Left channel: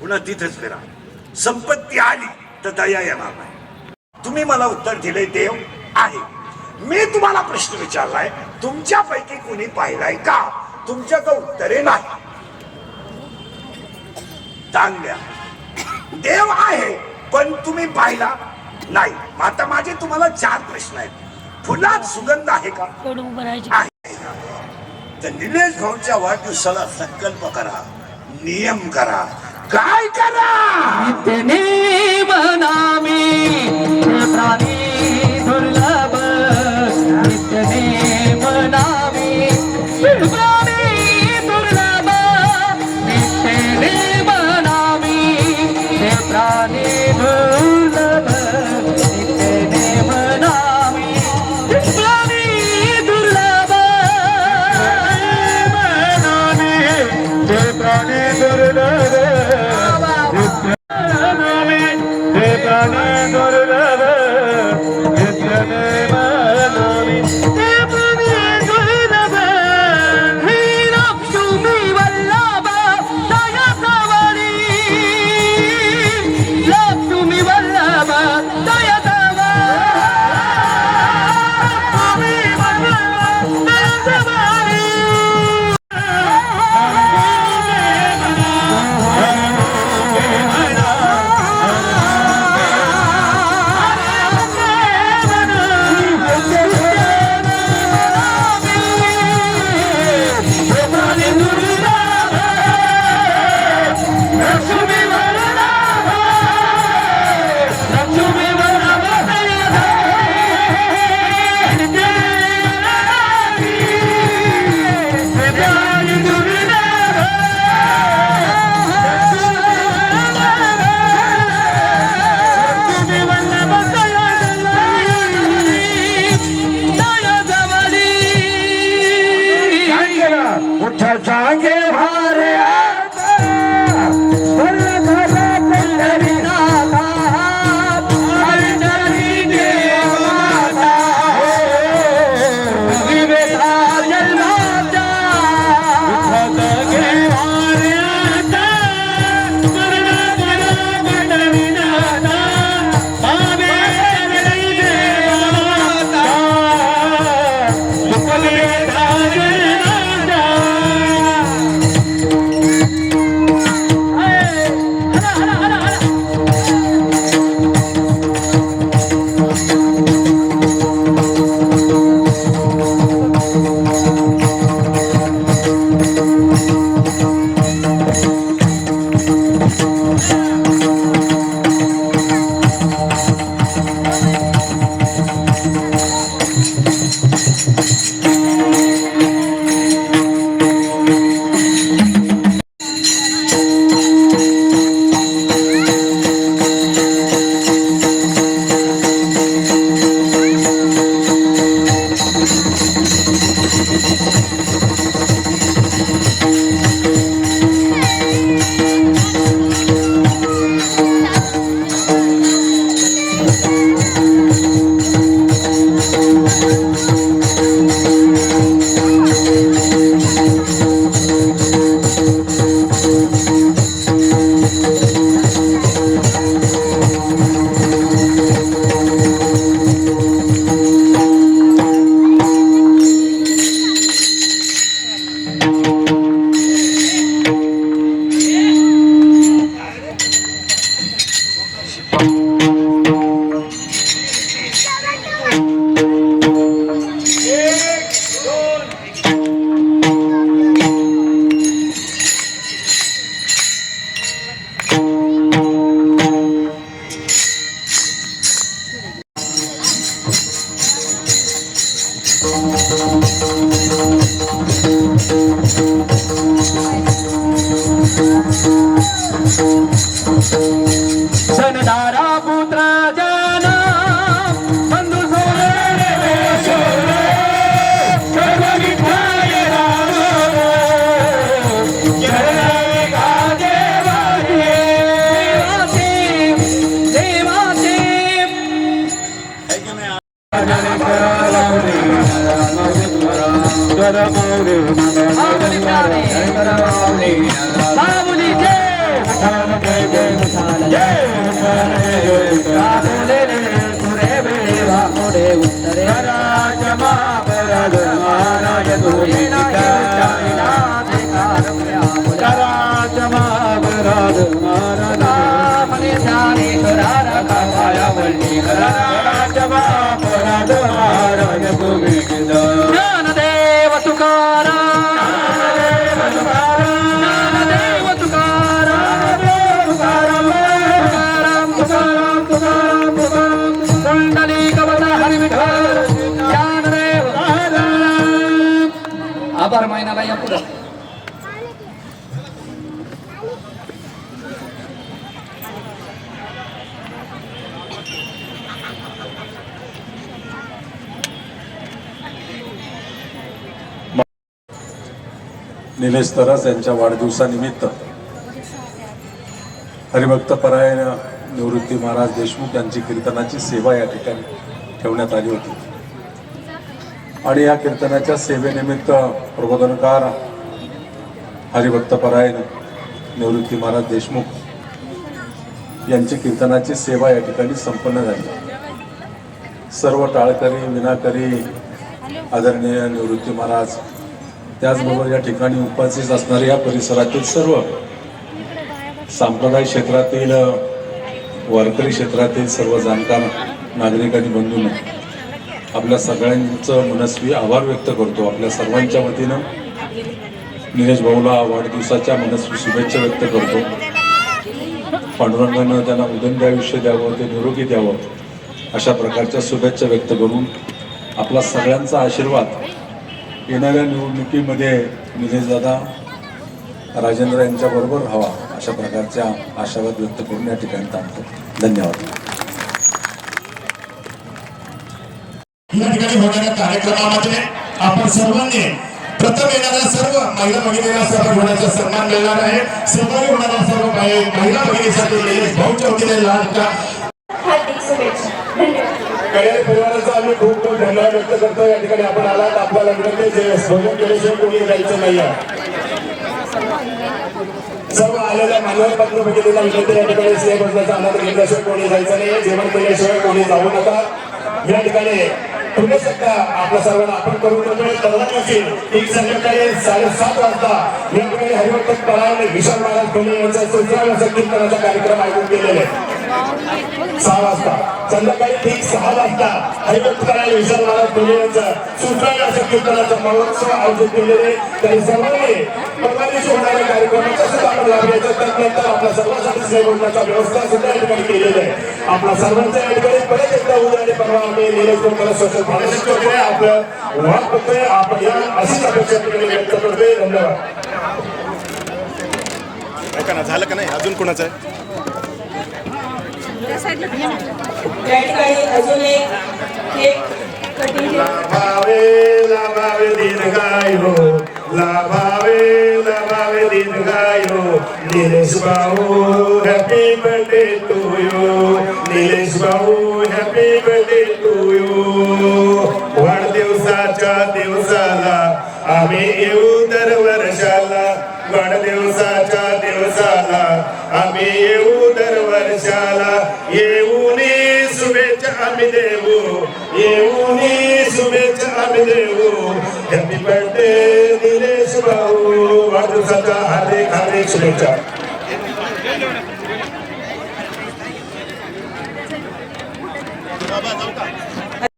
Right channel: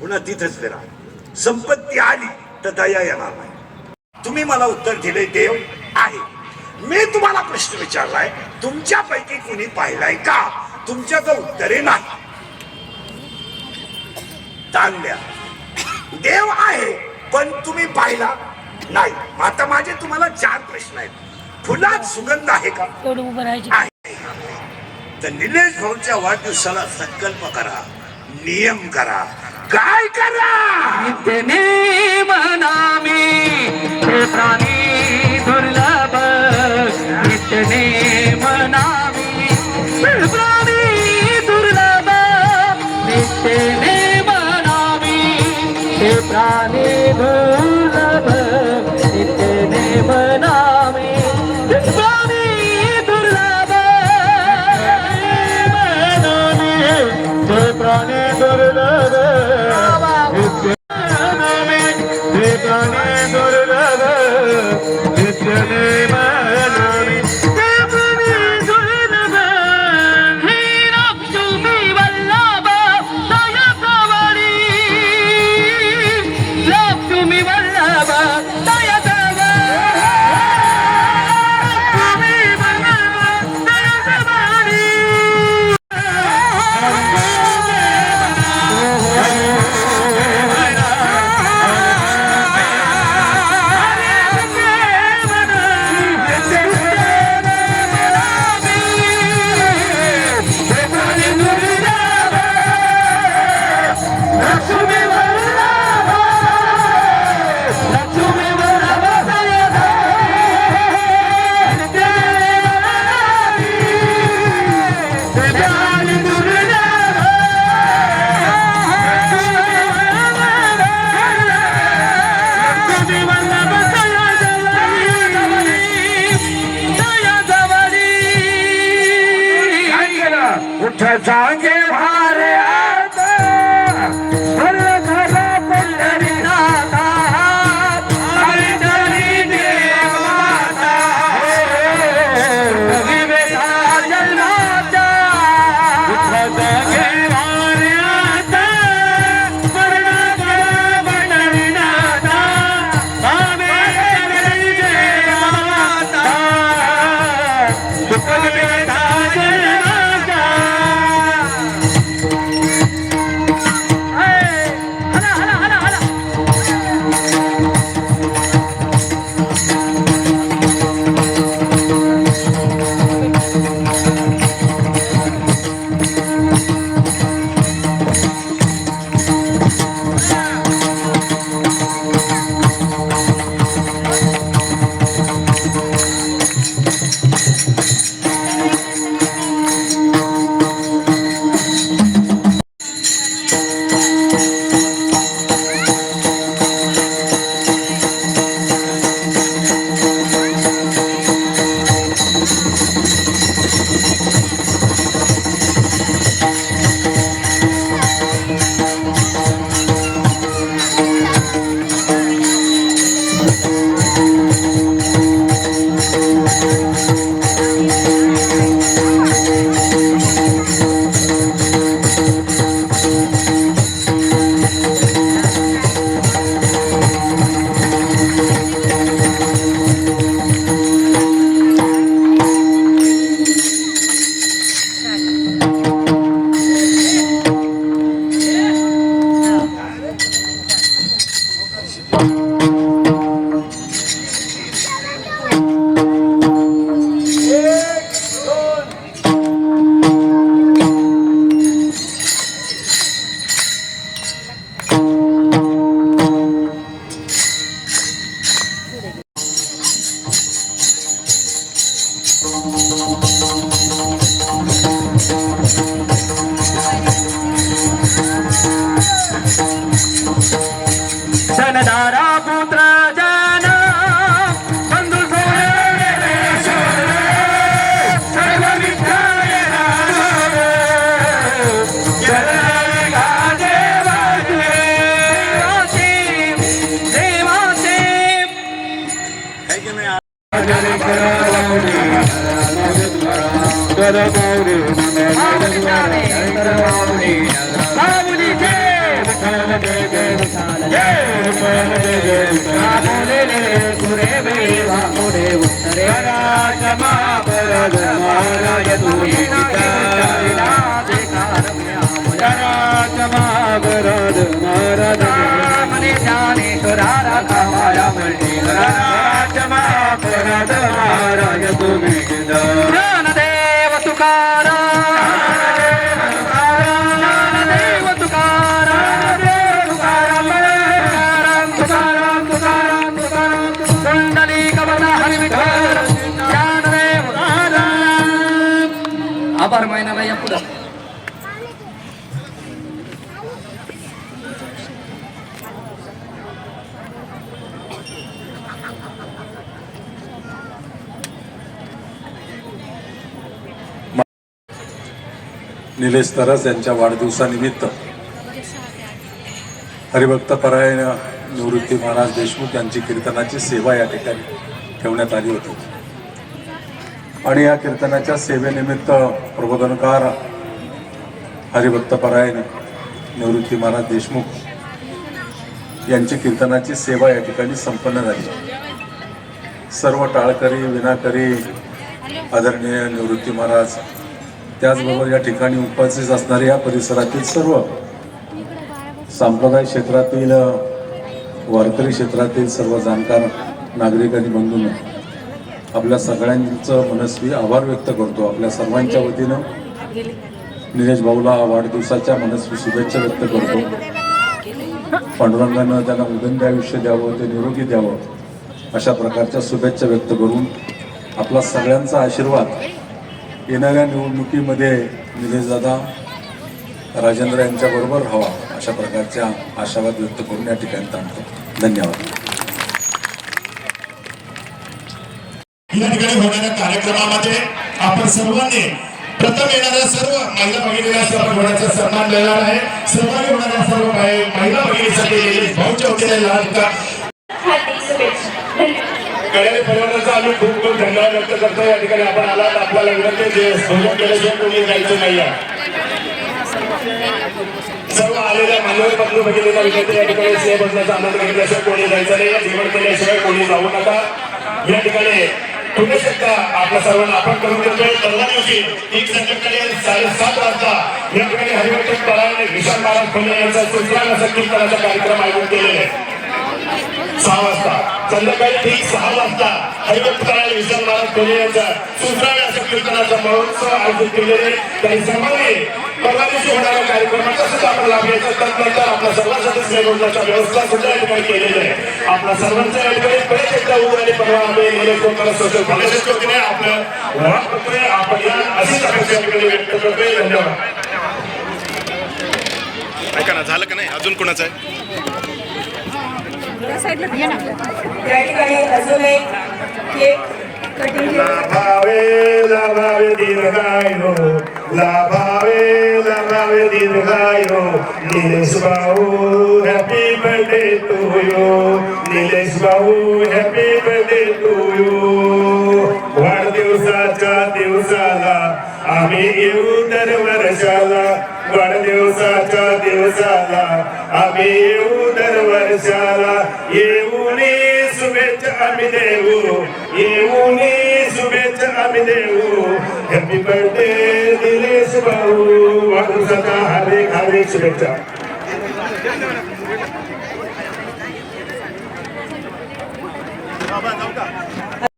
पुन्हा तिथेच फिरा. संपत्ती आली तर दया येणार नाही. तुम्ही मला उत्तर दिले देव आहे. मी तुम्हाला प्रश्न विचारलाय, तुमच्यापैकी कुणी पाहिलाय का? तुमच्याचं उत्तरे नाही. दान द्या. देव आहे पण तुम्ही पाहिला नाही. आता माझे तुम्हाला 4 प्रश्न आहेत. फुलात सुगंध आहे का? तर निलेश भाऊच्या वाढदिवसाला संकल्प करा, नियम करा. काय करा? मनामी प्राणी दुर्लभ, नित्यने मनामी प्राणी दुर्लभ, नित्यने मनामी प्राणी दुर्लभ, नित्यने मनामी प्राणी दुर्लभ, मनामी प्राणी दुर्लभ. जागे भारे जनदारा पुत्र जन बंधु देवाचे बाहुली जय विठ्ठल जय जय विठ्ठल जय विठ्ठल जय जय विठ्ठल रामोले सुरे बेवा मोरे उत्तरे राजमा परद महाराज तुझी राजमा परद महाराज मने जाने तुरारा कामाया मंडी राजमा परद महाराज तुझी ज्ञानदेव तुकाराम आभार महिन्याला या पुढे निलेश तरस यांच्या वाढदिवसानिमित्त हरिभक्तपरायण निवृत्ती महाराज देशमुख यांची कीर्तनाची सेवा या ठिकाणी ठेवण्यात आली होती आणि या कीर्तनाच्या सेवेनिमित्त प्रबोधनकार हरिभक्तपरायण निवृत्ती महाराज देशमुख यांची कीर्तनाची सेवा या ठिकाणी संपन्न झाली. सर्व टाळकरी विनाकरी आदरणीय निवृत्ती महाराज त्याचबरोबर या ठिकाणी उपस्थित असणारे या परिसरातील सर्व सांप्रदायिक क्षेत्रातील वारकरी क्षेत्रातील सर्व जाणकार नागरिक आणि बंधूंनो आपल्या सगळ्यांचं मनस्वी आभार व्यक्त करतो. आपल्या सर्वांच्या वतीनं निलेश भाऊला वाढदिवसाच्या मनस्वी शुभेच्छा व्यक्त करतो. पांडुरंगानं त्यांना उदंड आयुष्य द्यावं ते निरोगी द्यावं अशा प्रकारच्या शुभेच्छा व्यक्त करून आपला सगळ्यांचा आशीर्वाद येणाऱ्या निवडणुकीमध्ये निलेशदादा राजेंद्र यांच्याबरोबर व्हावा अशा प्रकारच्या आशावाद व्यक्त करून या ठिकाणी थांबतो. धन्यवाद. या ठिकाणी होणाऱ्या कार्यक्रमामध्ये आपण सर्वांनी प्रथम येणाऱ्या सर्व महिला भगिनीला सर्व सन्मान देणार आहे. सहभागी होणाऱ्या सर्व काही महिला भगिनीसाठी निलेश भाऊच्या वतीने लाभका परिवाराचा आम्ही खूप खूप धन्यवाद व्यक्त करतो. या ठिकाणी आपण आलात आपल्याला विनंती जे भोजन केल्याशिवाय कोणी जायचं नाही आहे. सर्व आलेल्या मान्यवर पत्र भगिनीला विनंती या ठिकाणी सेवा बसण्याचा आनंद घेतल्याशिवाय कोणी जायचं नाही. जेवण केल्याशिवाय कोणी जाऊ नका. या ठिकाणी पुणे शकता आपल्या सर्वांना आपण करून देतोय. परवा दिवशी एक संध्याकाळी 7:30 वाजता या ठिकाणी हरिभक्त परायण विशाल महाराज खोले यांचा सुत्राल असा कीर्तनाचा कार्यक्रम आयोजित केलेला आहे. 6 वाजता संध्याकाळी ठीक 6 वाजता हरिभक्त परायण विशाल महाराज खोले यांचा सुत्राल असा कीर्तनाचा महोत्सव आयोजित केलेले. तरी सर्वांनी परवा दिवशी होणाऱ्या कार्यक्रमाचा सुद्धा आपण लाभ घ्यायचा. त्यानंतर आपल्या सर्वांसाठी सेवेचा व्यवस्था सुद्धा या ठिकाणी केलेली आहे. आपल्या सर्वांच्या या ठिकाणी परत एकदा उद्या आणि परवा आम्ही निलेश कोकण सोशल फाउंडेशन करतोय. आपलं वाद करतोय. आपण या अशीच अपेक्षा ठिकाणी व्यक्त करतोय. धन्यवाद. ऐका ना, झालं का नाही अजून कोणाचं आहे? या ठिकाणी अजून एक केक कटिंग लाभावे दीर्घायु लाभावे दीर्घायु निलेश भाऊ happy birthday to you. Nilesh भाऊ हॅपी बर्थडे टू यू. वाढदिवसाच्या दिवसाला आम्ही येऊ दरवर्षाला. वाढदिवसाच्या दिवसाला आम्ही येऊ दरवर्षाला. येऊन शुभेच्छा आम्ही देऊ. येऊन शुभेच्छा आम्ही देऊ. हॅपी बर्थडे निलेश भाऊ. वाढदिवसाच्या हार्दिक हार्दिक शुभेच्छा.